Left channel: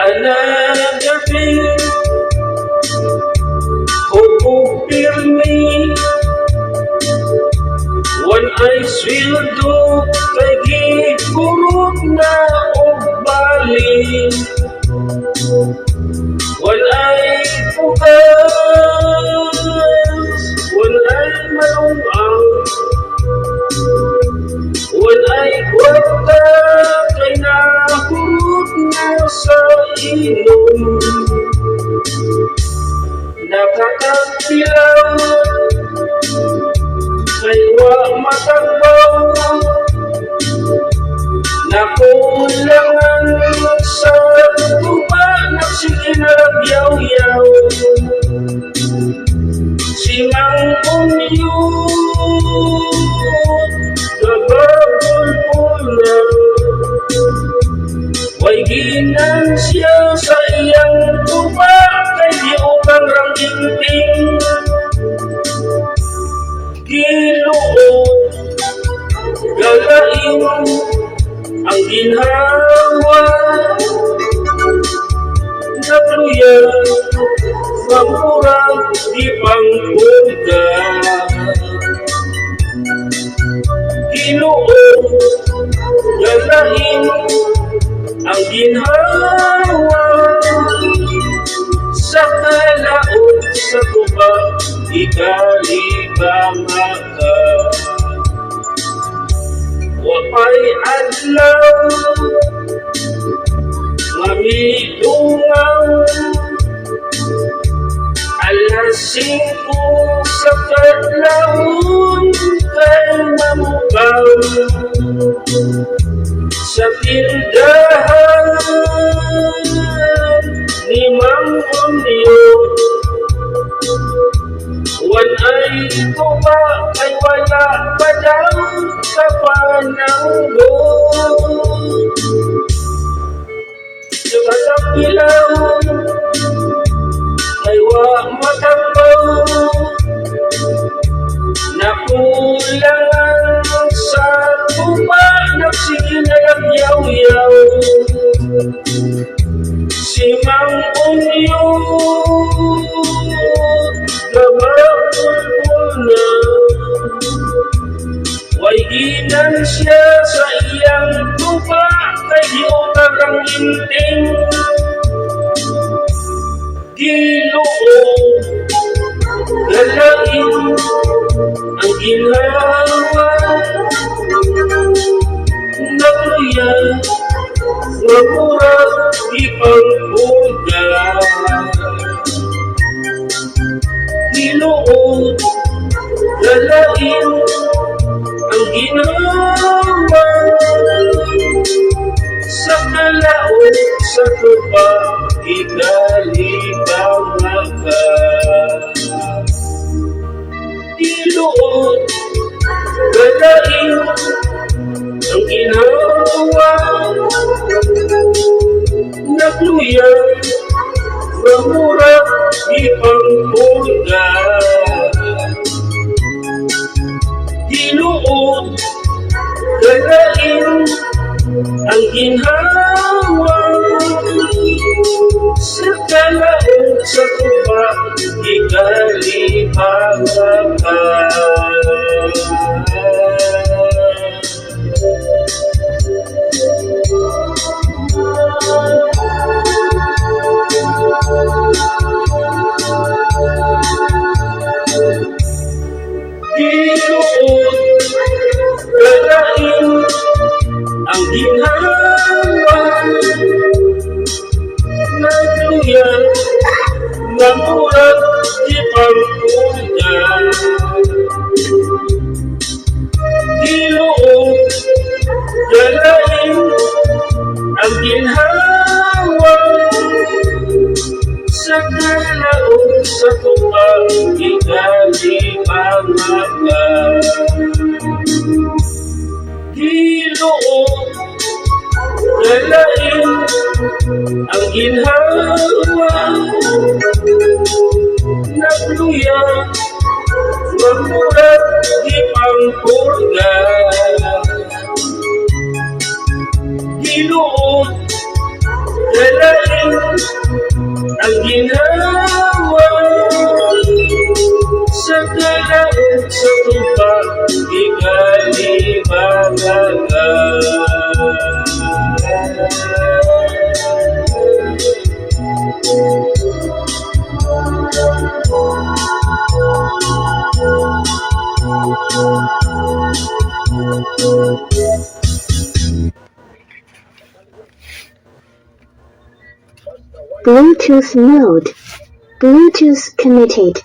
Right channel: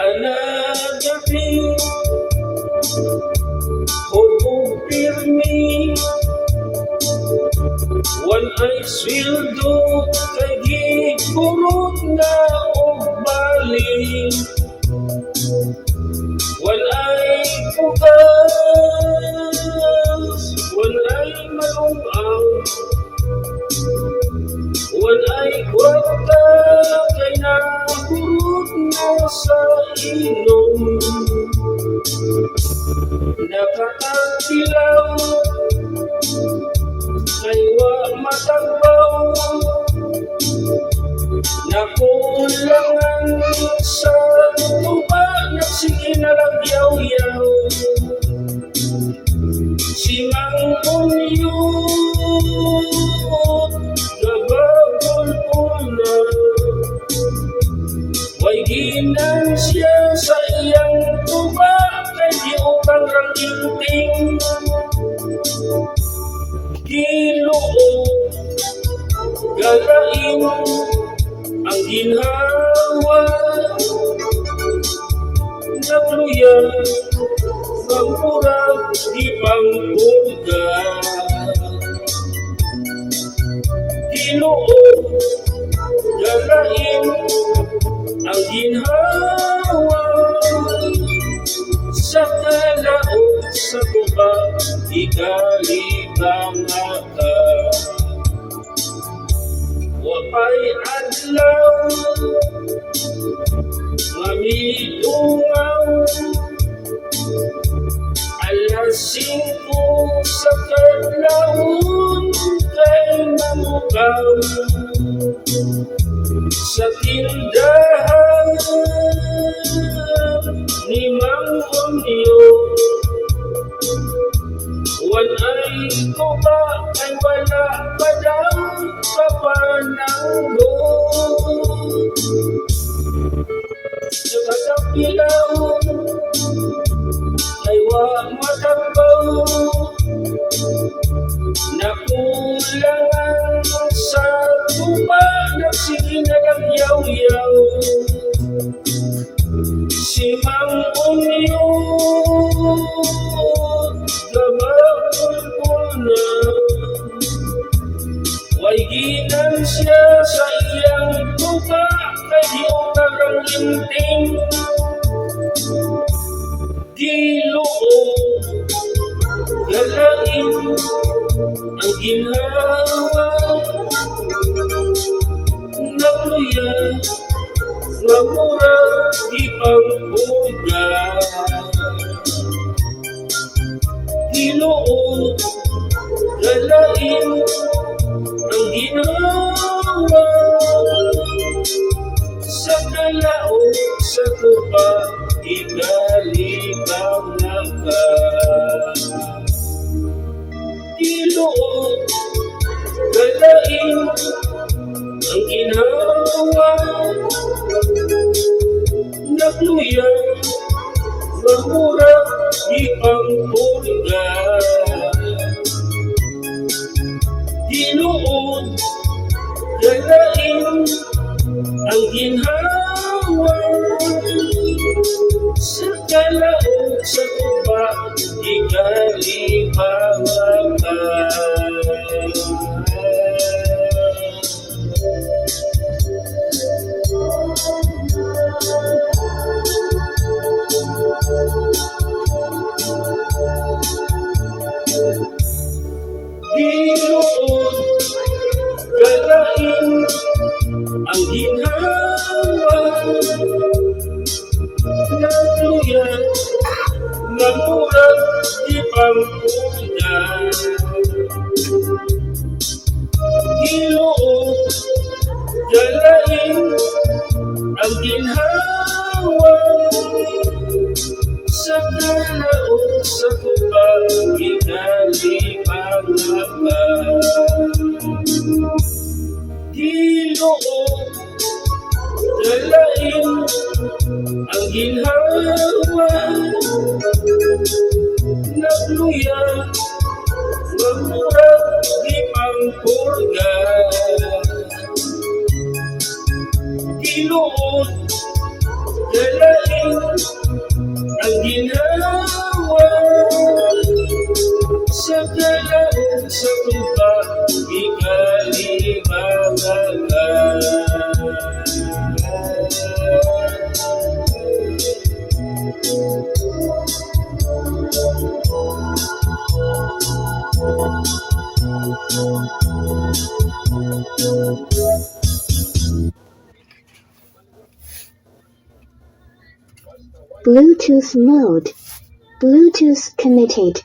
Another day, hope pirmi. One eyes will do, kay gipurot na og balik. One eye bukas, one eye malumaw, one eye kwarta, kay nahurot na sa inom. Nakakatilaw, kay wa matagbaw, nakulangan sa tuba, nagsiginagyaw-yaw. Simang punyot, gabagol-pula, way ginan siya sa iyang tuba, kay di upang rangginting. Giluod, galain ang ginhawa, nagluya, mamurang di pangpulga. Giluod, galain ang ginhawa, sa kalaod sa tuba, ikalibanga ka. Wapay adlaw, mamidungaw, alas 5 sa kadlawon, kay mamugaw sa tindahan ni Mang Unyo. One eye tuba, ay wala pa daw sa pananggo. Sa katapilaw, ay wa matambaw, nakulangan sa tuba, nagsiginagyaw-yaw. Si Mang Unyo, gabagol-pula, way ginan siya sa iyang tuba, kay di upang rangginting. Giluod, galain ang ginhawa, nagluya, mamurang di pangpulga. Giluod, galain ang ginhawa, sa kalaod sa tuba, ikalibanga ka. Giluod, galain ang ginhawa, nagluya, mamurang di pangpulga. Giluod, galain ang ginhawa, sa kalaod sa tuba, ikalibanga ka. Giluod, galain ang ginhawa, nagluya, mamurang di pangpulga. Giluod, galain ang ginhawa, sa kalaod sa tuba, ikalibanga ka. Giluod, galain ang ginhawa, luya, mamurat di pangpurga. Ginuot, dalain ang ginawa sa kalaot sa tubag, ikalibagaga. Bluetooth mode. Bluetooth connected.